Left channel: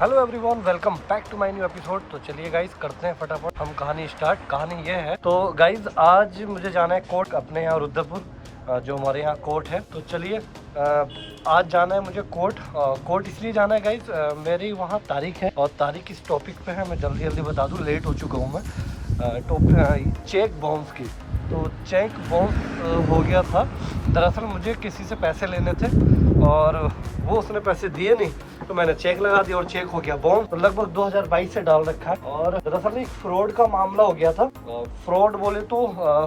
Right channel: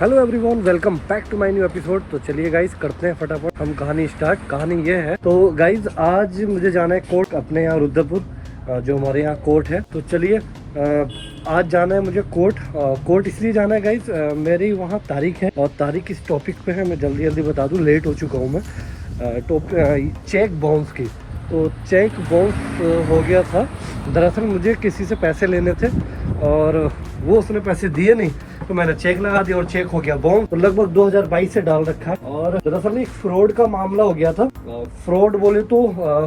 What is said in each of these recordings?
Hello everyone, welcome back to my new episode. तो चलिए guys करते हैं फटाफट हम कहानी स्टार्ट। कहानी ये है, तो गाइज आज मुझे जाना है कोर्ट अपने यहाँ रुद्रपुर, जो हमारे यहाँ कोर्ट है। तो चलिए आज जाना है मुझे कोर्ट इसलिए जाना है गाइज, मेरी वहाँ तारीख है और तारीख इस टॉपिक पे है। मैं जल्दी जल्दी बता दूँ, लेट हो चुका हूँ मैं। चेक बाउंस की, तो चेक बाउंस हो गया था। दरअसल मुझे किसी से पैसे लेने थे और वो उसने पैसे दिए नहीं, तो मैंने चेक लगा दिया और चेक हो गया बाउंस। तो लगभग 2022 से डाल रखा है और दरअसल एक फ्रॉड का मामला हो गया था। फ्रॉड बोले तो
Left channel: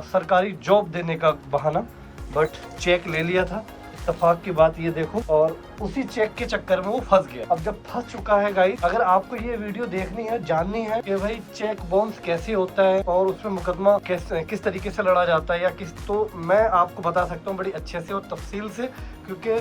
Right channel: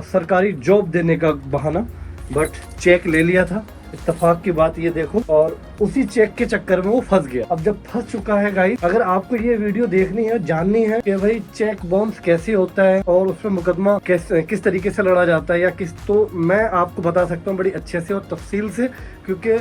सरकारी जॉब देने का बहाना, बट चेक ले लिया था। इत्तेफाक की बात ये देखो, और उसी चेक के चक्कर में वो फंस गया। अब जब फंस चुका है गाइस, अगर आपको ये वीडियो देखनी है, जाननी है कि भाई चेक बाउंस कैसे होता है और उसमें मुकदमा किस तरीके से लड़ा जाता है या तो मैं आपको बता सकता हूँ बड़ी अच्छे से और तफसील से, क्योंकि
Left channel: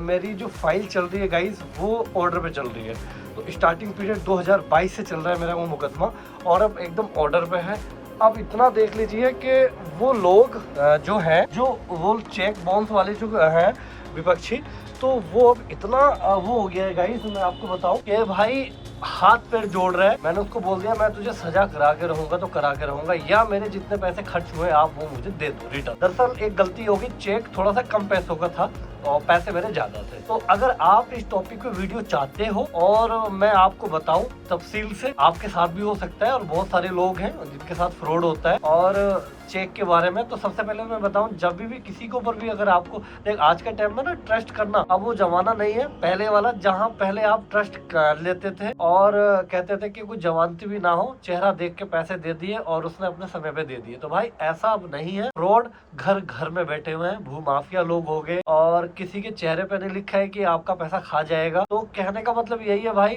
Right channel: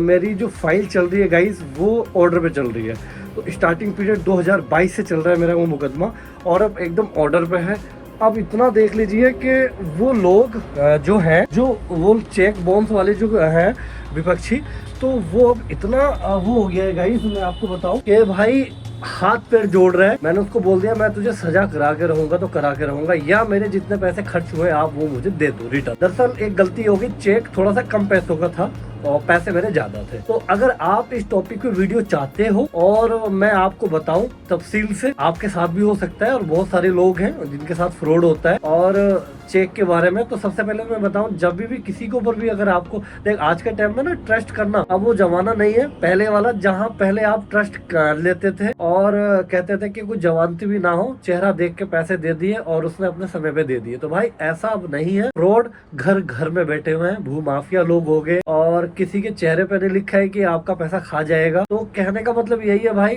मेरी जो फाइल चल रही है गाइस वो ऑर्डर पे चल रही है। तो स्टार्टिंग पीरियड 2022 से चल रहा है मेरा वो मुकदमा, और अब एकदम ऑर्डर पे है। अब इतना देख लीजिए कि वो लोग जो वो चेक बाउंस वाले जो हैं विपक्षी, तो वो अब इतना वो हो गया है गाइस, मैं आपको बताऊं कि भाई हाथ पैर जोड़ रहा है। मैंने उसको बोल दिया, मैं तुझे सजा करा के रहूंगा तो करा के रहूंगा, या मेरे जितने पैसे खर्च हुए आप वो मुझे दे दो रिटर्न। दरअसल एक गलती होगी, चेक थोड़ा सा कम पैसों का था और पैसे मेरे ज्यादा थे। तो अगर आप इस टॉपिक पे वीडियो चाहते हो और मैं आपको बताऊं तफसील से, आपके साथ भी हो सकता है और बहुत सारे लोग हैं जिनके साथ फ्रॉड होता है और चेक के बारे में। तो सबसे पहले मैं बताऊं, जब भी किसी के ऊपर भी अगर आपको देख, आज के टाइम में ना ट्रस्ट करना अब वो जमाना नहीं है पहले वाला, जहां पहले आप ट्रस्ट कर लेते थे और कहते थे कि कोई जवानती भी ना हो, चेहरा देख के पैसे दे दिए और उसने अपने समय पे दे दिए। तो भाई ऐसा अब नहीं है। फ्रॉड घर घर में बैठे हुए हैं, भूमाफिया लोग हो गए, और किसी के चेहरे पे नहीं लिखा है कि आपका पैसा खा जाएगा। तो कहने का मतलब यही है भाई,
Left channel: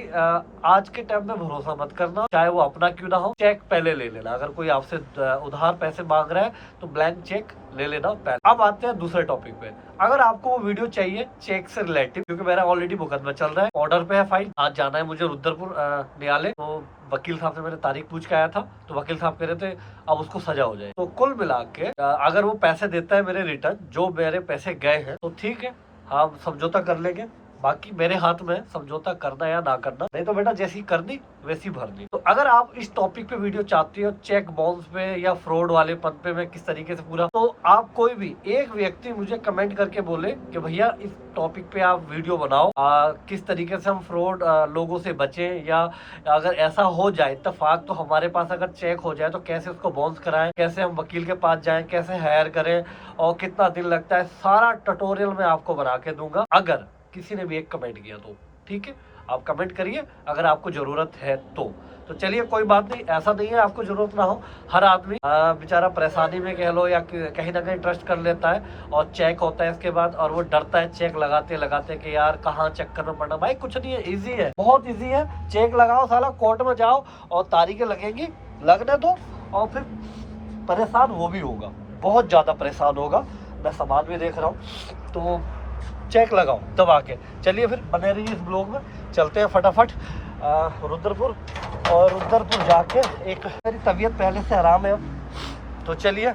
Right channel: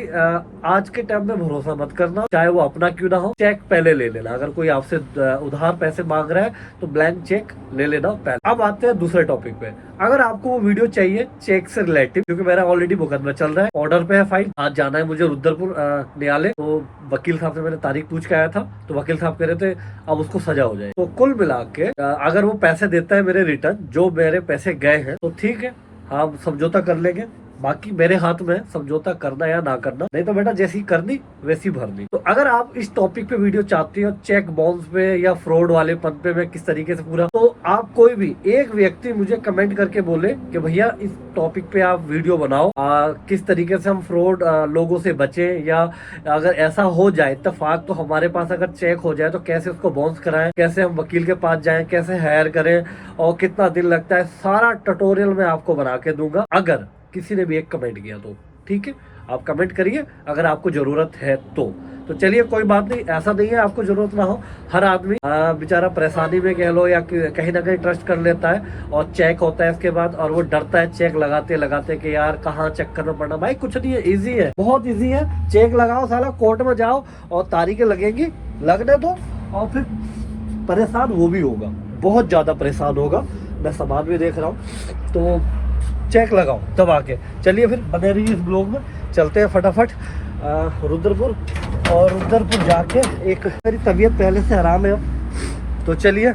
आज के टाइम में भरोसा मत करना, चाहे वो अपना क्यों ना हो। चेक पहले ले लेना, अगर कोई आपसे उधार पैसे मांग रहा है तो ब्लैंक चेक ले लेना पहले। अब आते हैं दूसरे टॉपिक पे। अगर आपको वो वीडियो चाहिए चेक से रिलेटिव, क्योंकि मेरा ऑलरेडी मुकदमा चल रहा है, ऑर्डर पे है फाइल, आज जाना है मुझे रुद्रपुर न्यायालय। तो वकील साहब से मैंने तारीख पूछ के आया था, तो वकील साहब कह रहे थे अब उसको सजा हो जाए। तो कुल मिला के अगर वो पैसे देता है मेरे रिटर्न, जो मेरे पैसे गए हैं, तो ठीक है, हाँ समझौता कर लेंगे। बाकी मेरे हाथ में है समझौता करना या ना करना, नहीं तो बेटा जैसी करनी वैसी भरनी। तो अगर आप इस टॉपिक पे वीडियो चाहते हो, चेक बाउंस पे या फ्रॉड वाले पन पे मैं किस तरीके से पूरा, तो आप कोई भी एक व्यक्ति मुझे कमेंट करके बोले कि भैया इस टॉपिक पे आप वीडियो बनाओ, किस तरीके से हम फ्रॉड लोगों से बचे, या अगर ऐसा हो जाए इत्तेफाक, तो हमारे पास अगर चेक हो जाए तो कैसे उसको बाउंस कराएं, कैसे हम वकील के पास जाएं, कैसे हायर करें और कितना दिन लगता है, सारा ट्यूटोरियल मैं आपको बना के दूंगा। अगर किसी ने भी एक कमेंट किया तो ठीक है, आप कमेंट करिए अगर आपको जरूरत है तो चलिए कोई बात नहीं, ऐसा नहीं है आपको जरूरत ना हो। हर आदमी बेचारा परेशानी में कह लो या कहीं ना कहीं ट्रस्ट कर लेता है और चेक होता है इसके बाद, और वो डरता है चेक लगाते लगाते कि यार कहाँ चक्कर में पड़ना। भाई कुछ नहीं है, इजी है, बहुत इजी है। चेक लगाओ, साला कोर्ट में जाओ और तारीखें लगेंगी, लगने दो, और फिर परेशान वो भी होगा, बहुत ज्यादा परेशान होगा। मैं सामान भी देख रहा हूँ, तो चेक लगाओ तब आके। चलिए फिर बने रहिए इस ब्लॉग में, चलते हैं फटाफट रुद्रपुर, और रुद्रपुर जाके एक मेरी तबीयत पहले से आराम है, तो चलिए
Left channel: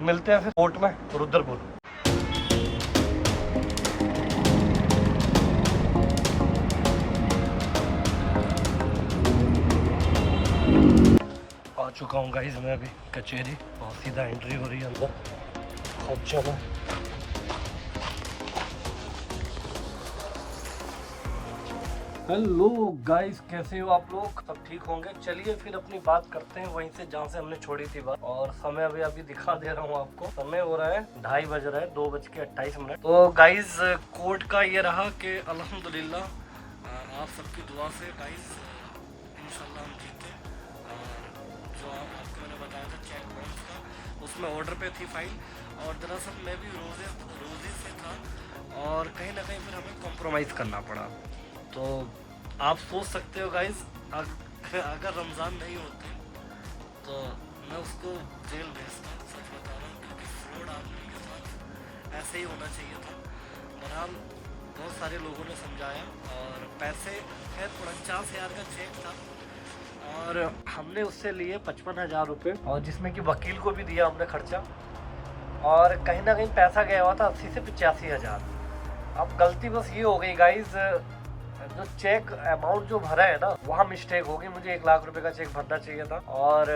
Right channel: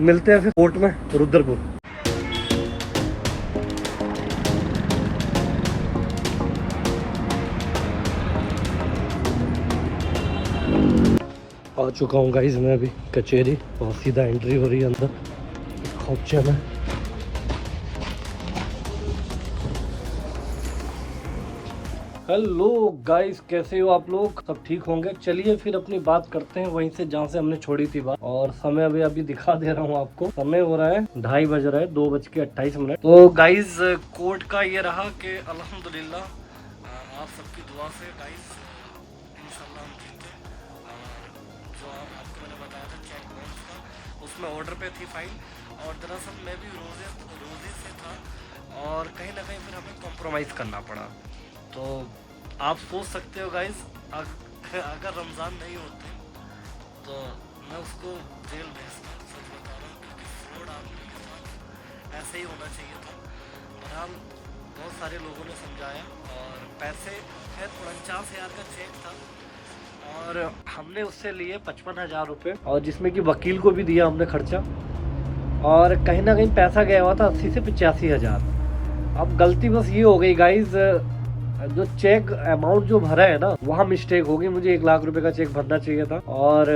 मिलते हैं फिर कोर्ट में रुद्रपुर। आ चुका हूँ गाइज मैं अभी कचहरी, और सीधा एंट्री हो रही है अंदर। चलो हेलो गाइस, कैसे हो आप लोग? सब ठीक होंगे। चलिए फिर अपनी बात करते हैं वहीं से जहाँ से हमने छोड़ी थी बात। और समय अभी दिखा दे रहा हूँ आपको, समय हो रहा है 2:30 बज रहा है, 2:28। तो गाइस कोर्ट का ये रहा कि अल्हम्दुलिल्लाह आप सबकी दुआ से गाइस इंशाल्लाह हम जीते। और जो आपको मैंने बताया था चेक बाउंस का, उसमें ऑर्डर पे थी फाइल, और दरअसल मैं भी रोजे से था और कहीं ना कहीं फिर हमें कॉम्प्रोमाइज़ करना पड़ा। तो आप सोच सकते हो गाइस, अगर रमज़ान नहीं होते तो मैं उसको जेल भेजता, सच बता रहा हूँ, क्योंकि फ्रॉड आदमी के साथ ऐसे ही होना चाहिए था। बहरहाल बहुत सारे लोगों ने समझाया, और पैसे खैर 49,000 का चेक था और हमने उससे लिए 55,000 रुपये, और जिसमें कि वकील को भी दिया हमने खर्चा, और कहीं ना कहीं पैसा गया हुआ था 80 से 85,000। अब गलती बस ये हो गई गाइज, जो चेक अमाउंट जो भरा है ना वहाँ मिस्टेक होगी, मुझे 1 लाख रुपए का चेक भरना चाहिए था। और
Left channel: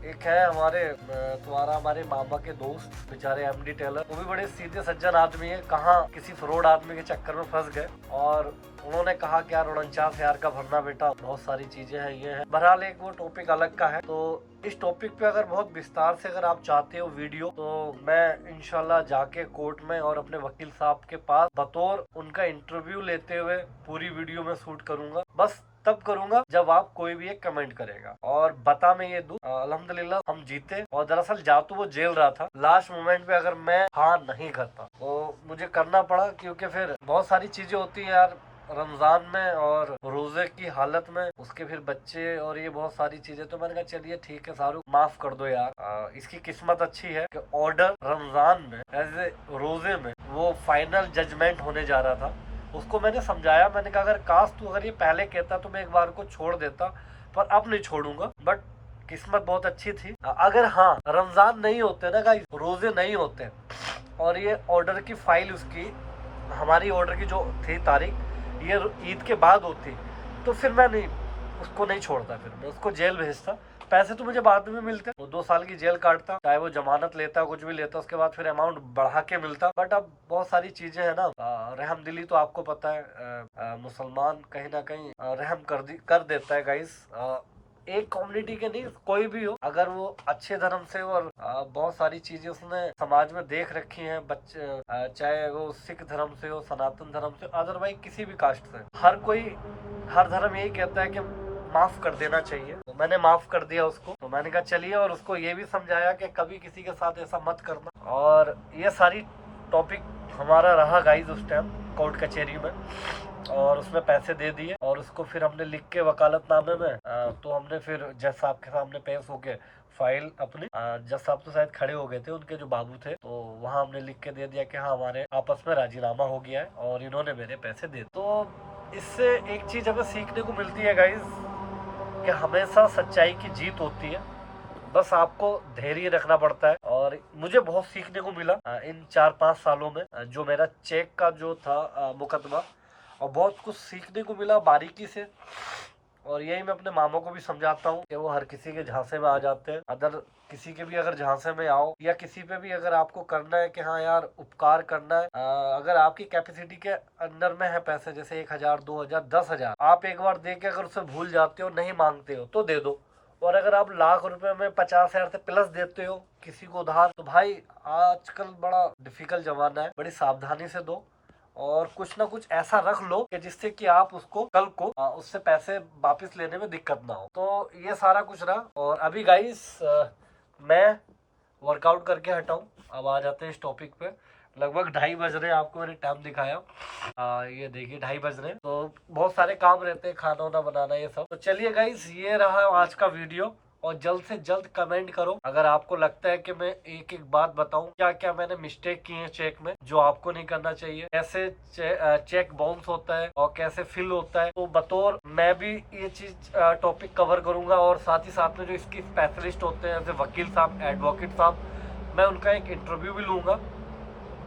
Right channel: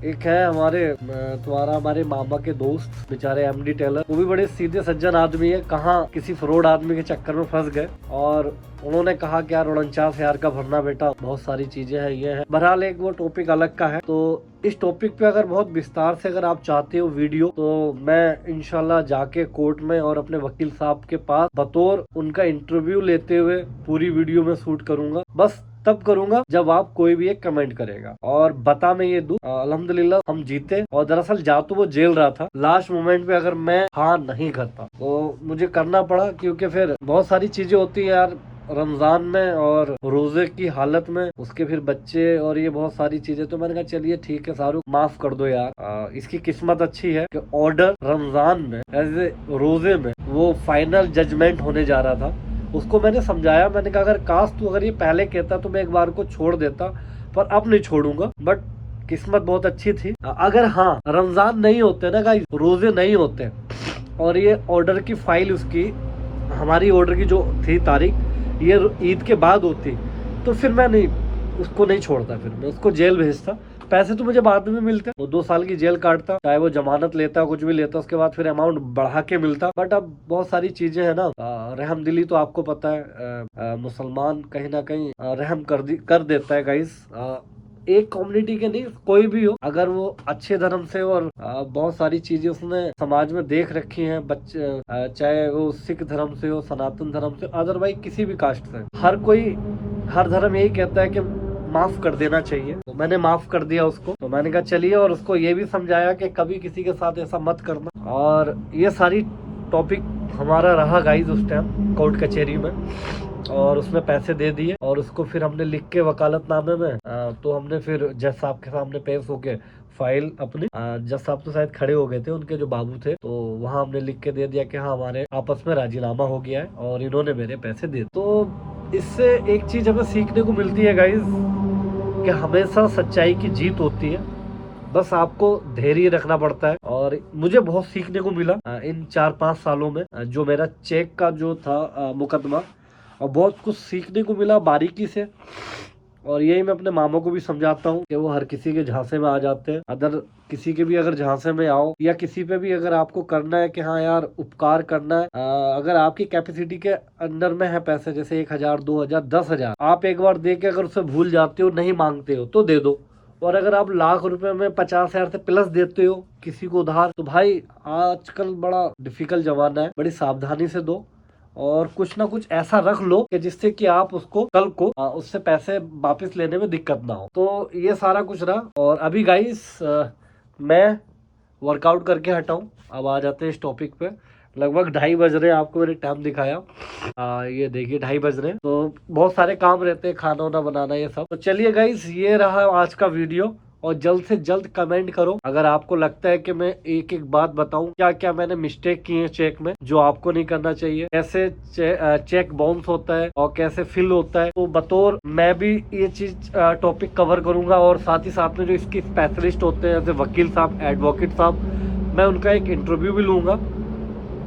एक है हमारे मामा के दोस्त बेचारे एमडी टेलर, वो भी बड़े सीधे सज्जन आदमी है, कहाँ किसी फ्रॉड आदमी के चक्कर में फंस गए और उन्होंने कहा कि यार 49,000 का भरना बेटा, बहुत सारी चीजें हैं ये है। बहरहाल एक वो टॉपिक अलग का है। तो इस टॉपिक पे अगर बहुत विस्तार से अगर आप चाहते हो वीडियो, तो मैं इंशाल्लाह जाके कोर्ट में और अपने वकील साहब के पास बतौर उनका इंटरव्यू लेते हुए पूरी वीडियो में शूट करूंगा। बस तब करूंगा जब आप कोई भी एक कमेंट करेगा। और बता मैं ये दूं, अल्हम्दुलिल्लाह हम जीते। और दरअसल जा तो वो जेल रहा था, लास्ट मोमेंट पे अगर मैं हाँ नहीं करता तो मुझे करना पड़ा, क्योंकि फिर बहुत सारी चीजें होती है यार रमजान में और रोजे की हालत में, उसके फिर बच्चे और ये बहुत सारी चीजें। तो मैंने कहा चलिए ठीक है शाहरुख, माफ कर दो यार। इसकी किस्मत अच्छी है कि ऑर्डर रमजान में एज ए रोजे में वो फाइनल जजमेंट होने जा रहा था। उसको मैंने समझाया, मैंने कहा अगर काश तू अगर ये पहले कहता तो मैं एक बार को छोड़ देता, पर अब नहीं छोड़ूंगा। बट किस्मत बहुत अच्छी थी। अगर हाँ रमजान नहीं होते ना गाइस, रोजे नहीं होते और ये ऑर्डर की फाइल उसकी, हमारी ऑर्डर की जो थी तारीख, ये ईद के बाद होती, तो फिर मैं नहीं उसको नहीं छोड़ता, फिर मैं उसको जेल भेजता। पैसे तो मुझे बाद में मिलते, वो 2 साल की जेल काटता, चाहे वो जमानत लेता कुछ भी लेता, उसके बाद फिर अमाउंट बढ़ा के मिलता। बट अब बहुत सारी चीजें है ना, रहमदिली तो आपको पता है, मुसलमान कहीं ना कहीं रहम कर देता है गाइस। एक कम्युनिटी के नहीं, कोई भी हो, अगर वो अच्छे धर्म से और बहुत सारी चीजें उसने समाज में देख रखी हैं, बच्चे चाहे वो सिख धर्म से हो, सनातन धर्म से, अदरवाइज किसी भी कास्ट से, हर धर्म यही कहता है कि माफ कर देना चाहिए। तो मैंने माफ कर दिया उसको। तो मैंने कहा चलिए, और उसको ये भी समझाया कि कभी किसी के साथ ऐसा मत करना। और ये सारी टॉपिक हमारा रहा गाइस उस टाइम कोर्ट कचहरी में, और उसमें पैसे दे दिए और उसको फिर हमने लिख के वकालतनामे में तो हमने फिर जज साहब के सामने पेश होके फाइल अपनी, जज साहब तो शायद खड़े हो गए थे, उनके जो बाबू थे, तो वहाँ हमने लिख के दे दिया कि हाँ हमारे आपस में राजीनामा हो गया है और इन्होंने मेरे पैसे दे। तो इससे एक चीज हमें सीखने को मिलती है गाइज कि हमेशा सच्चाई की जीत होती है, बस आपको धैर्य रखना पड़ता है। और मुझे बहुत सीखने को मिला इन 4-5 सालों में, जो मेरा चेक का जो था मुकदमा, और बहुत कुछ सीखने को मिला बारीकी से। और यही मैं अपने मामों को भी समझाता हूँ कि वो हर किसी के झांसे में आ जाते हैं। अगर किसी के भी अगर झांसे में आओ, या किसी पे भी अगर आपको करना है कि हाँ यार उपकार करना है, अगर आपकी कैपेसिटी के अंदर में है पैसे, जैसे 1,000, 2,000, 10,000, आप एक बार दे के अगर उसे भूल जाते हो, नहीं मांगते हो, तो दे दो। और अगर आप लाख रुपए में 50,000 से प्लस देते हो किसी को उधार, तो भाई आजकल बड़ा डिफिकल्ट जमाना है, बड़ी सावधानी से दो और कुछ ना कुछ ऐसा रख लो कि जिससे कि आप उसको कल को उससे पैसे वापस लेने में दिक्कत ना हो। तो ये सारा कुछ रहा। और अभी गाइस मैं वर्कआउट करके हटा हूँ। अब आ जाते हैं इस टॉपिक पे। लगभग 2:30 बज रहे हैं, आपको मैंने टाइम दिखाया, ये देखिए 2:30 बज रहे हैं। तो बहुत सारे काम रहते हैं, खाना वाना बनाना ये सब। तो चलिए गाइस, ये रहा आज का वीडियो। और जल्द से जल्द कमेंट करो अगर आपको लगता है कि मैं एक एक बात बताऊं क्या क्या मैंने मिस्टेक की है चेक में, जो आपको नहीं करना चाहिए, कैसे चेक बाउंस होता है और कैसे फिल होता है। तो बतौर मैं भी ये चीज टॉपिक कवर करूंगा। और साथ ही साथ में जो इसकी स्पेशलिस्ट होते हैं, जैसे वकील साहब, एडवोकेट साहब, मैं उनका एक इंटरव्यू भी लूंगा।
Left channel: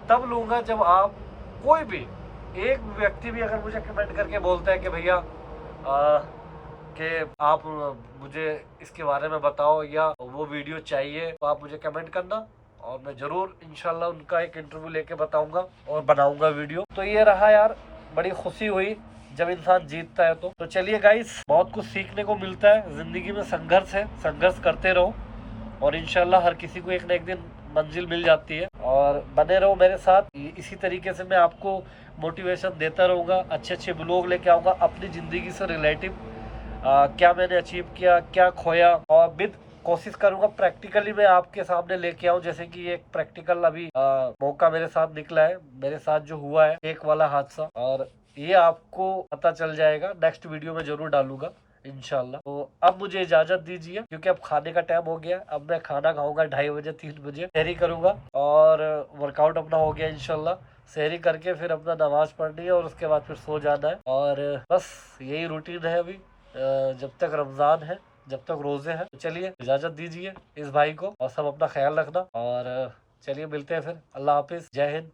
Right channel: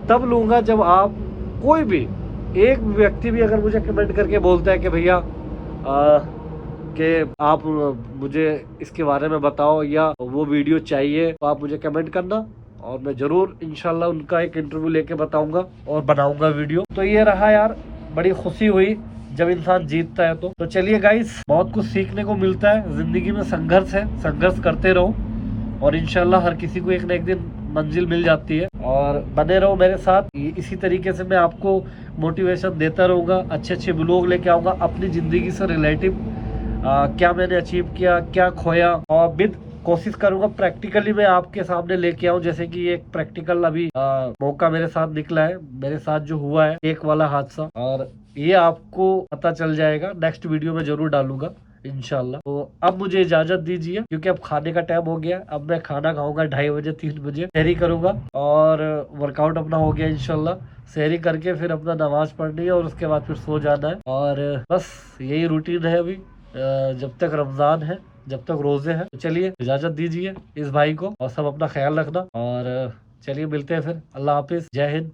तब लूंगा जब आप कोई भी एक व्यक्ति भी अगर मुझे कमेंट करके बोलता है कि भैया कि आप मुझे इसके बारे में बताओ या वो वीडियो चाहिए, तो आप मुझे कमेंट करना और मैं जरूर इंशाल्लाह उनका एक इंटरव्यू लेके बताऊंगा और बनाऊंगा वीडियो। तो ये रहा यार, बड़ी खुशी हुई जब इंसान जीतता है। तो चलिए गाइस, बहुत कुछ सीखने को मिलता है। जिंदगी में संघर्ष है, संघर्ष करते रहो और इंशाल्लाह हर किसी को एक न एक दिन मंजिल मिल जाती है। और बने रहो मेरे साथ, इसी तरीके से मैं आपको मोटिवेशन देता रहूंगा, अच्छे अच्छे ब्लॉग लेके आऊंगा अपनी जिंदगी से रिलेटिव, क्या मैंने अचीव किया, क्या खोया, और विद कोशिश करूंगा प्रैक्टिकली मैं आपके सामने लेके आऊं। जैसे कि एक प्रैक्टिकल अभी मौका मेरे साथ निकला है, मेरे साथ जो हुआ है एक वाला हादसा, और ये आपको पता चल जाएगा। नेक्स्ट वीडियो में जरूर डालूंगा इंशाल्लाह। तो अब मुझे इजाजत दीजिए, क्योंकि अब खाने का टाइम हो गया। अब मैं खाना खाऊंगा 2:30 बजे, 3 बजे सहरी करूंगा और वर्कआउट अपना हो गया इंशाल्लाह। सहरी करके फिर अपना नमाज पढ़नी है और उसके बाद फिर सो जाना है। और बस यही रूटीन है अभी, जब तक रमजान है, जब तक रोजे हैं। तो चलिए इजाजत दीजिए इस भाई को, और सब अपना ख्याल रखना। और चलिए मिलते हैं फिर। अल्लाह हाफिज, जय हिंद।